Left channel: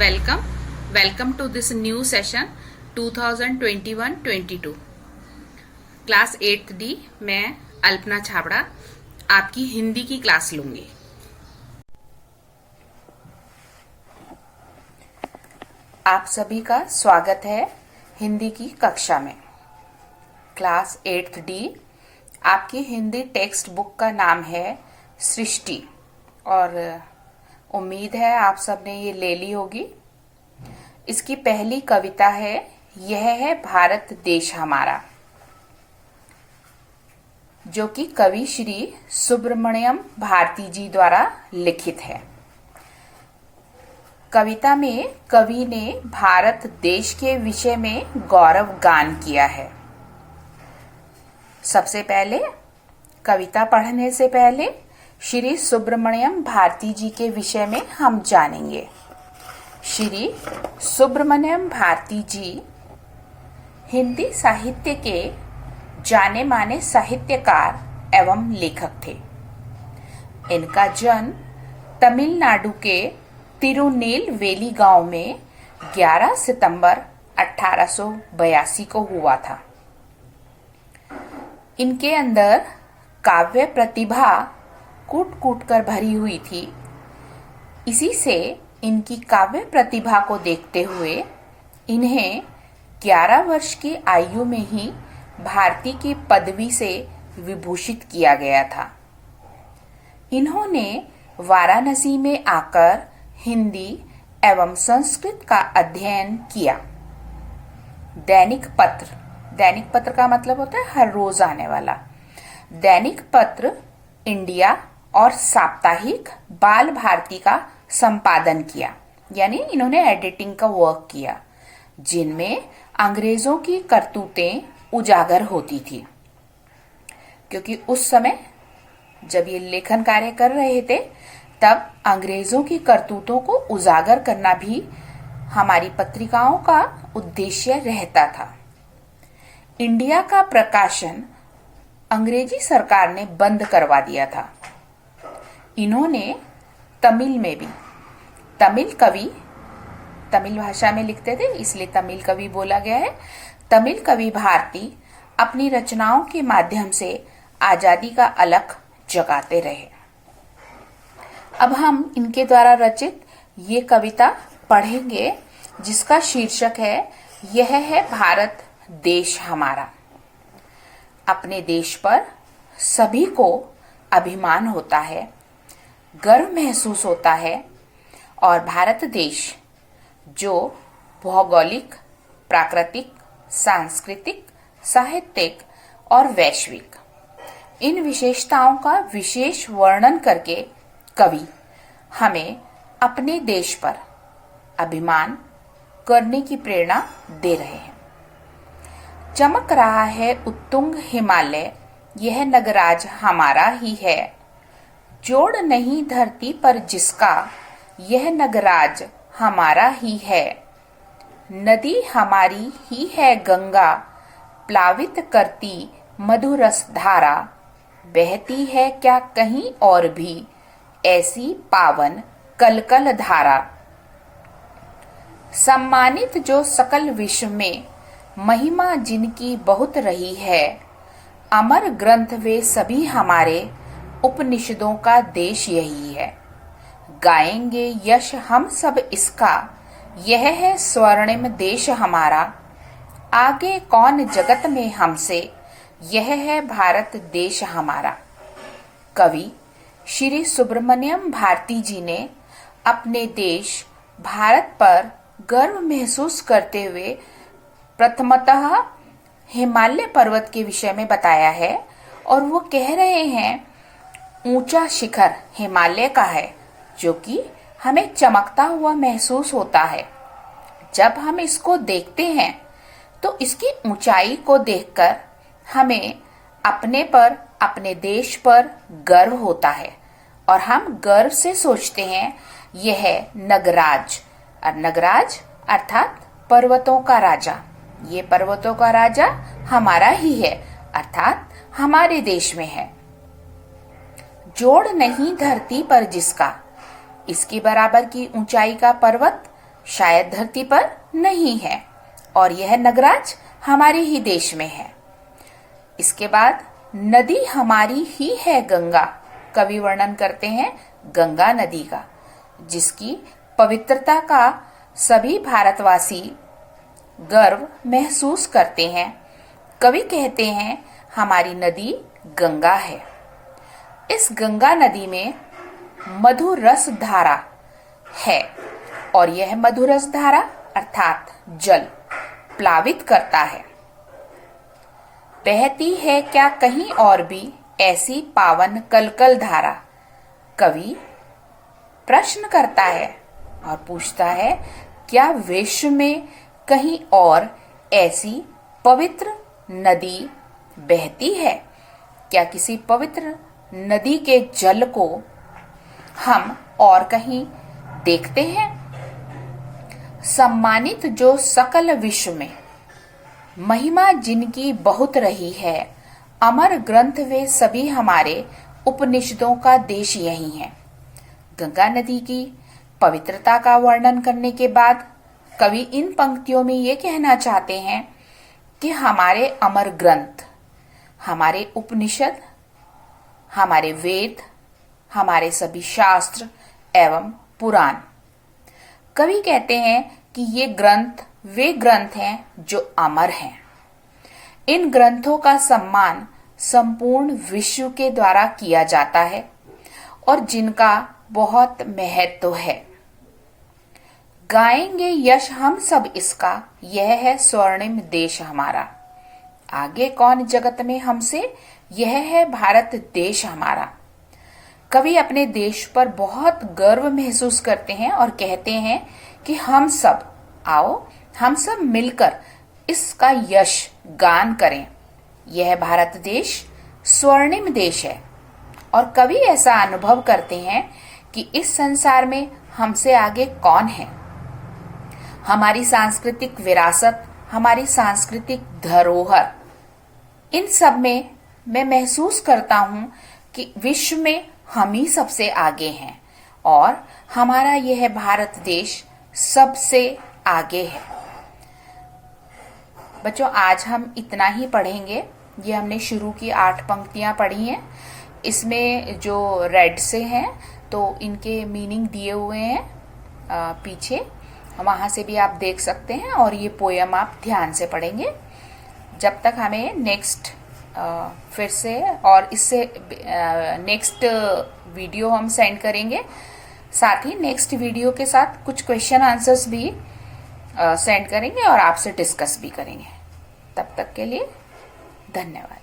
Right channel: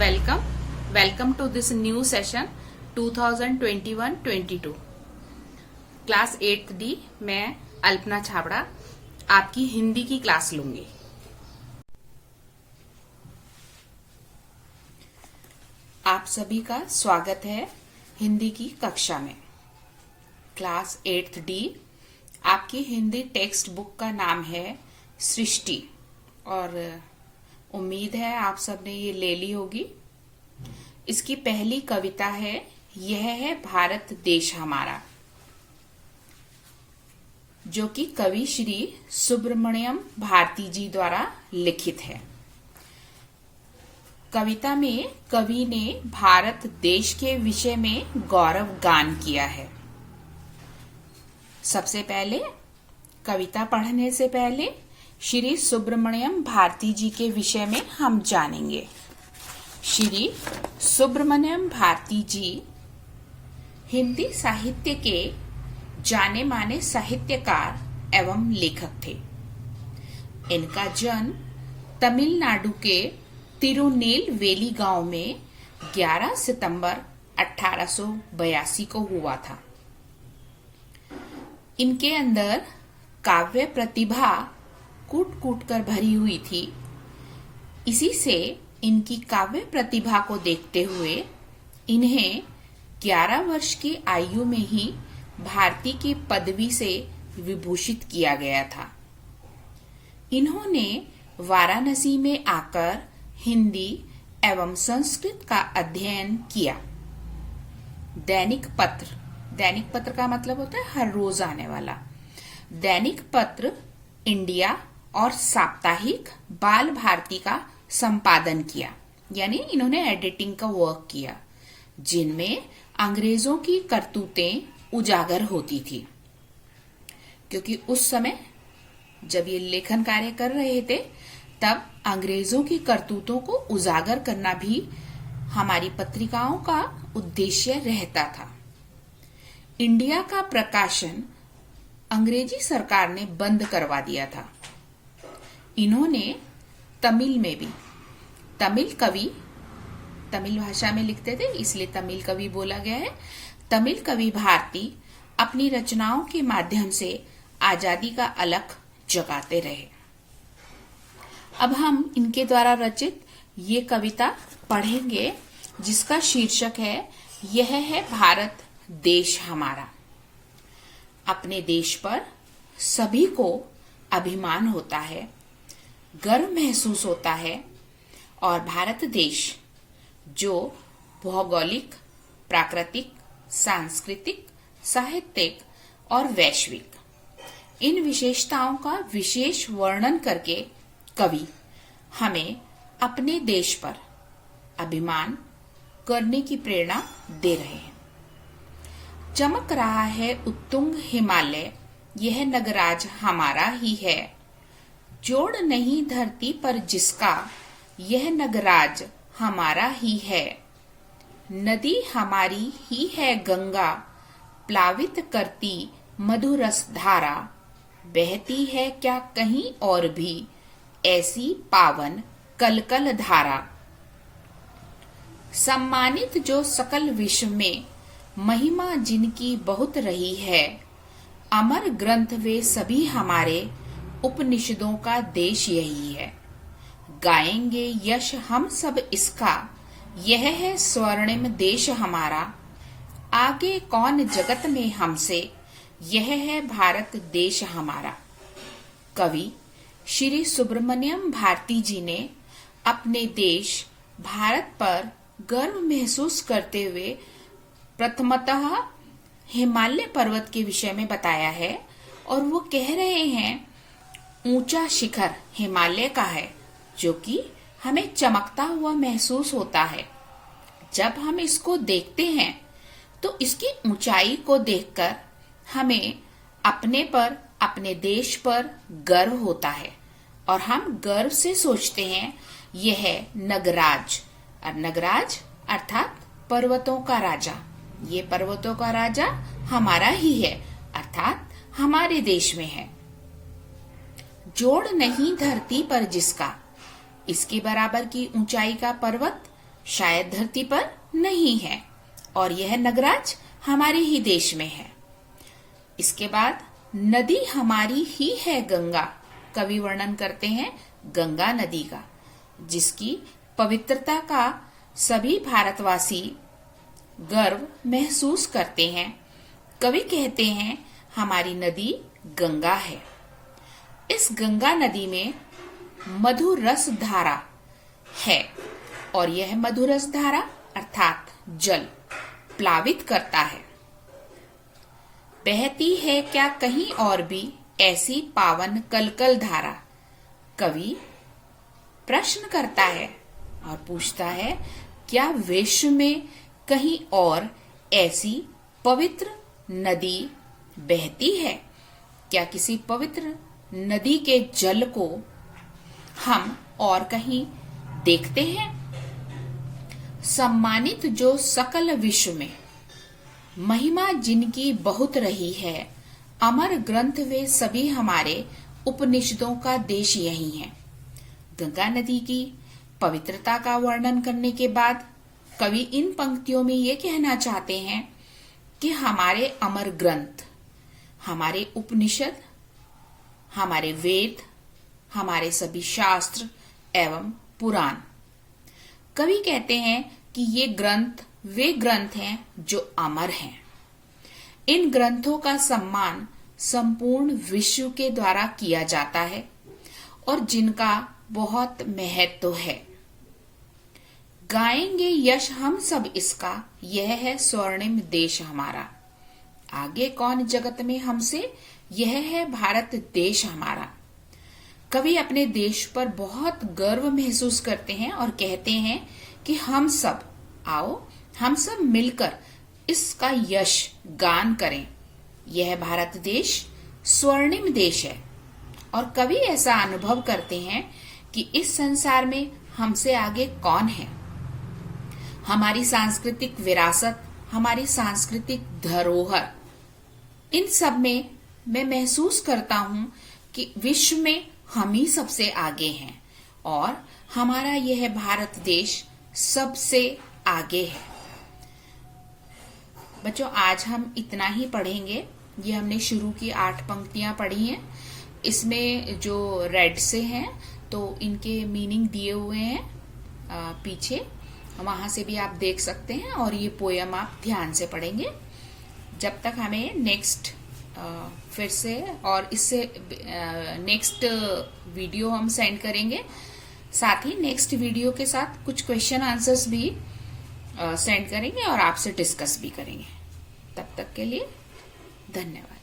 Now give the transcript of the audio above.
Welcome to this new session 2021-22 class 8th D. मैं अल्पना छाबड़ा आपकी हिंदी की क्लास लूंगी। आप सभी का स्वागत है हिंदी की कक्षा में। क्लास 8th डी आपकी हिंदी टेक्स्ट बुक का नाम है सृष्टि और उम्मीद है आप सबने ये ले ली होगी। इसकी पहली कविता है यह है भारत देश हमारा, जो कि कवि श्री सुब्रमण्यम भारती जी द्वारा लिखित है। कविता में कवि ने भारत देश के विषय में गौरव गान किया है। सबसे पहले कविता पढ़ने से पहले श्री सुब्रमण्यम भारती जी के विषय में हम जानेंगे। श्री सुब्रमण्यम भारती जी हिंदी साहित्य के जाने माने साहित्यकार एवं लेखक थे। इनका जन्म तमिलनाडु के तिरुनेलवेली गांव में 11 सितंबर 1882 को हुआ था। इनके अंदर काव्य प्रतिभा कूट कूट कर भरी हुई थी। इसी से इनकी काव्य प्रतिभा को देखते हुए इन्हें 11 वर्ष की आयु में ही भारती की पदवी से विभूषित किया गया था। इन्होंने वाराणसी में आकर हिंदी एवं संस्कृत का अध्ययन किया। दैनिक पत्र का मतलब होता है हर रोज आने वाला। दैनिक पत्र इंडिया और साप्ताहिक बाल भारती का संपादन किया, यानी इन्होंने एडिटिंग का वर्क किया, जिनमें अंग्रेजों की करतूतें उजागर होती थी। क्योंकि उस समय जब ये लेखन कार्य कर रहे थे तब अंग्रेजों की करतूतों को उजागर करना भी हमारी पत्रिकाओं का उद्देश्य रहता था। इंडिया का प्रकाशन अंग्रेजी सरकार ने बंद करवा दिया था। इन्होंने तमिल में भी तमिल भाषा में लिखते थे, इसलिए तमिल कवि बोला गया है। तमिल कवि भारती अपनी रचनाओं के माध्यम से आजादी का अलख जगाते रहे। अब हम इनके द्वारा रचित ये कविता पढ़ेंगे, जिसका शीर्षक है यह है भारत देश हमारा। अपने देश पर सभी को अभिमान होता है, गर्व महसूस होता है और भारत देश जो भौगोलिक, प्राकृतिक, सांस्कृतिक, साहित्यिक और वैश्विक इन विशेषताओं का विशेष वर्णन करके कवि हमें अपने देश पर अभिमान करने की प्रेरणा दे रहे हैं। चमक रहा है उत्तुंग हिमालय, यह नगराज हमारा ही है। जोड़ नहीं धरती पर जिसका, यह नगराज हमारा ही है। नदी हमारी ही है गंगा, प्लावित करती मधुरस धारा। बहती है क्या कहीं और भी, ऐसी पावन कलकल धारा। सम्मानित जो सकल विश्व में, महिमा जिनकी बहुत रही है। अमर ग्रंथ वे सभी हमारे, उपनिषदों का देश यही है। गाएंगे यश हम सब इसका, यह है स्वर्णिम देश हमारा। आगे कौन जगत में हमसे, यह है भारत देश हमारा। कवि श्री सुब्रमण्यम भारती जी ने अपने देश भारत पर गर्व महसूस करते हुए प्रथमतः हिमालय पर्वत के विषय में बताया है, और वो कह रहे हैं ऊंचा शिखर हिमालय का है, जो कि हमें चमकता हुआ महसूस होता है। जब हम इसको देखते हैं तो इसकी ऊंचाई को देखकर हमें अपने पर, अपने देश पर गर्व होता है और हम गर्व से सोचते हैं यह नगराज, और नगराज अर्थात पर्वतों का राजा। ये पर्वतों का राजा हमारा ही है, अर्थात हमारे देश में है। जोड़ नहीं धरती पर जिसका, इसकी बराबर की ऊंचाई का पर्वत शायद धरती पर नहीं है और यह नगराज हमारे ही देश में है। इसके बाद नदी हमारी ही है गंगा। कवि वर्णन करते हैं गंगा नदी का, जिसकी पवित्रता का सभी भारतवासी गर्व महसूस करते हैं। कवि कहते हैं हमारी नदी गंगा है। इस गंगा नदी में मधुर रस धारा है और यह मधुर रस धारा अर्थात जल प्लावित करता है। बहती है क्या कहीं और भी ऐसी पावन कलकल धारा। कवि प्रश्न करता है और पूछता है, क्या विश्व में कहीं और ऐसी पवित्र नदी बहती है? क्या किसी पवित्र नदी के जल को हम और कहीं देखते हैं? सम्मानित जो सकल विश्व में महिमा जिनकी बहुत रही है, अमर ग्रंथ वे सभी हमारे उपनिषदों का देश यही है। गंगा नदी की पवित्रता का वर्णन करने के बाद कवि इन पंक्तियों में ये कहना चाहते हैं कि हमारे अमर ग्रंथ, हमारे उपनिषद, हमारे वेद, हमारे सभी शास्त्र एवं पुराण, कवि कहते हैं कि ये ग्रंथ वे ग्रंथ हैं जो अमर हैं। इन ग्रंथों का सम्मान संपूर्ण विश्व के द्वारा किया जाता है और जिनका बहुत महत्व है। गाएंगे यश हम सब इसका, यह है स्वर्णिम देश हमारा। आगे कौन जगत में हमसे, यह है भारत देश हमारा। कवि अपने देश पर बहुत गर्व महसूस करते हैं और कहते हैं कि हम सब आओ, हम सब मिलकर इसका यश गान करें। यह भारत देश स्वर्णिम देश है और कवि ऐसा अनुभव करते हैं कि इस संसार में हमसे आगे कौन है। हमारी सांस्कृतिक विरासत, हमारी सांस्कृतिक धरोहर, इन सब में मैं महसूस करता हूं कि विश्व में हम ही सबसे आगे हैं और हमारा यह भारत देश सबसे आगे है। बच्चों, आज हम इतना ही पढ़ेंगे। ये हमने शुरू की 8 पंक्तियां पढ़ी हैं। इसमें जो रेड से हैं तो इनके मीनिंग दिए हुए हैं पीछे, वहां से भी आप देख सकते हैं और ये पोयम आप ध्यान से पढ़ेंगे। जब तक हमें नेक्स्ट फिर से और इससे नेक्स्ट वीडियो हम सेंड करेंगे, साथ ही नेक्स्ट वीडियो के साथ कुछ क्वेश्चन आंसर्स भी सेंड करेंगे और आपसे डिस्कस भी करेंगे। तब तक के लिए धन्यवाद।